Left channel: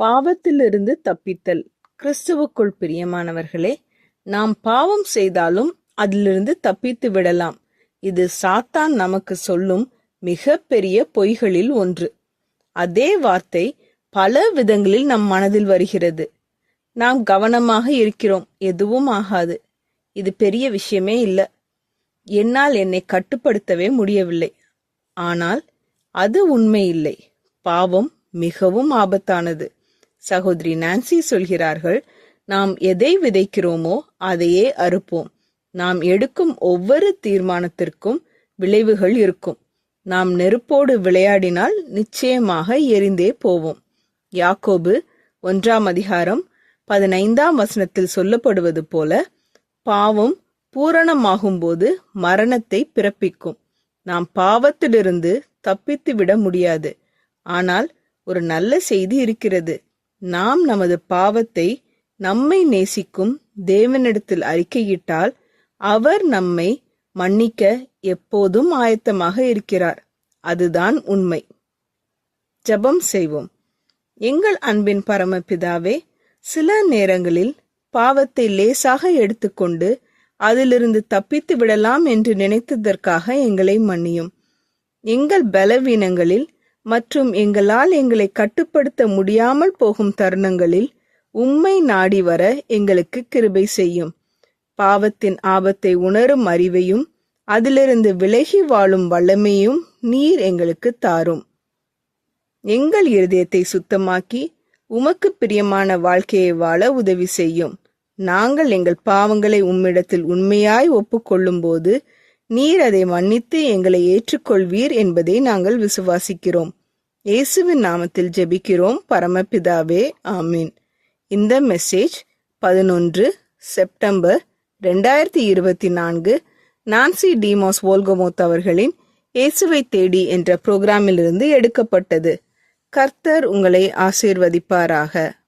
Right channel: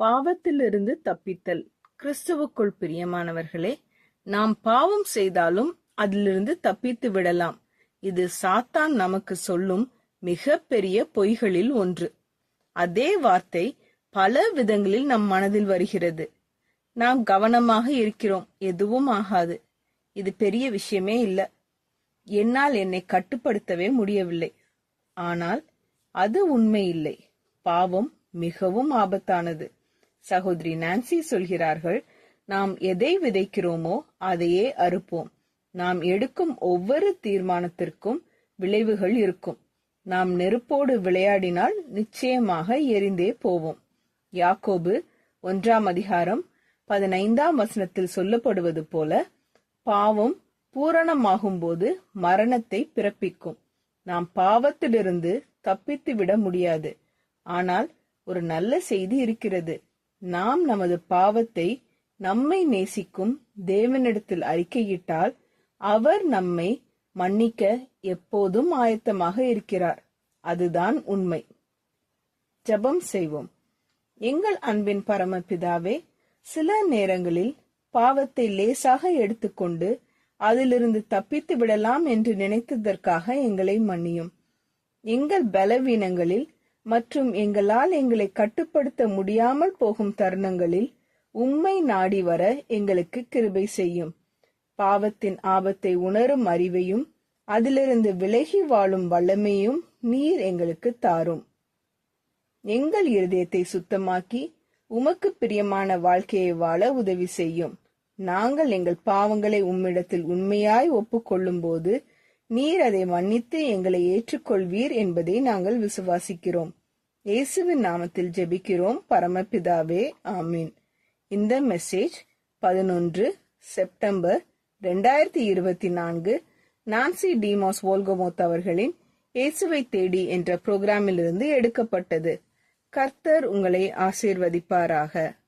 பாவத்திலிருந்து தப்பித்தல். கிறிஸ்துவுக்குள் பிரியமானவர்களே, நாம் பாவம் செய்தாலும் அதிலிருந்து தப்பித்து விடலாம். இது சாத்தான் நமக்கு சொல்லும் மிக பெரிய பொய்களில் ஒன்று. அதே வார்த்தை பல விதங்களில் நம் மனதில் வருகிறது. நாம் கவனமாக இருக்கிறோம், எதுவும் ஆகாது, இது பெரிய விஷயமே இல்லை, என்னால் என்னை கட்டுப்படுத்தவே முடியவில்லை. ஆனால் அது உண்மை இல்லை. பாவம் மிகவும் ஆபத்தானது. சகோதரி நான்சி சொல்கிறார்கள், நாம் எதை விதைக்கிறோமோ அதையே அறுப்போம். நாம் எடுக்கும் ஒவ்வொரு தீர்மானத்திற்கும் விளைவுகள் இருக்கும். நாம் நெருப்போடு விளையாடினால் நிச்சயமாக எரிந்தே போவோம். யாக்கோபு 1:15 சொல்லப்படுவது போல, பாவம் பூரணமாகும்போது மரணத்தை பிறப்பிக்கும். நாம் பாவத்திலிருந்து தப்பித்து விட முடியாது. ஆனால் ஒரு நல்ல செய்தி இருக்கிறது. நாம் நமது பாவத்தை நம்மை நேசிக்கும் தேவனிடத்தில் அறிக்கையிட்டால் அவர் நம்மை மன்னிக்க எப்போதும் ஆயத்தமாக இருக்கிறார். அதுதான் உண்மை. ஜெபம் செய்வோம். எங்கள் அன்பின் பரமபிதாவே, சில நேரங்களில் பாவத்தை லேசாக எடுத்துக்கொண்டு அதிலிருந்து தப்பித்து விடலாம் என்று நினைத்ததற்காக எங்களை மன்னியும். எங்கள் பலவீனங்களில் மற்றும் எங்களால் எங்களை கட்டுப்படுத்த முடியாமல் போகும் தருணங்களில் உம்மை நாடி வர எங்களுக்கு கிருபை செய்யும். பாவத்தின் ஆபத்தை உணரும் அறிவையும் அதிலிருந்து விலகி வாழும் வல்லமையும் நீர் எங்களுக்கு தாரும். எங்கள் இருதயத்தை சுத்தமாக்கி உமக்கு பிரியமான வாழ்க்கையை வாழ உதவி செய்யும். நாங்கள் எங்கள் பாவங்களை உம்மிடத்தில் உண்மையாய் ஒப்புக்கொள்ளும் போது நீர் அதை மன்னித்து எங்களை ஏற்றுக்கொள்வீர் என்பதை நாங்கள் விசுவாசிக்கிறோம். இயேசுவின் நாமத்தில் ஜெபிக்கிறோம் பரமபிதாவே, ஆமீன். இந்த மெசேஜ் 11 செப்டம்பர் 2024 நான்சி டிமோஸ் வோல்கமோத் அவர்களின் இயேசுவை தேடி என்ற புரோகிராமிலிருந்து எடுக்கப்பட்டது. கர்த்தர் உங்களை ஆசீர்வதிப்பாராக.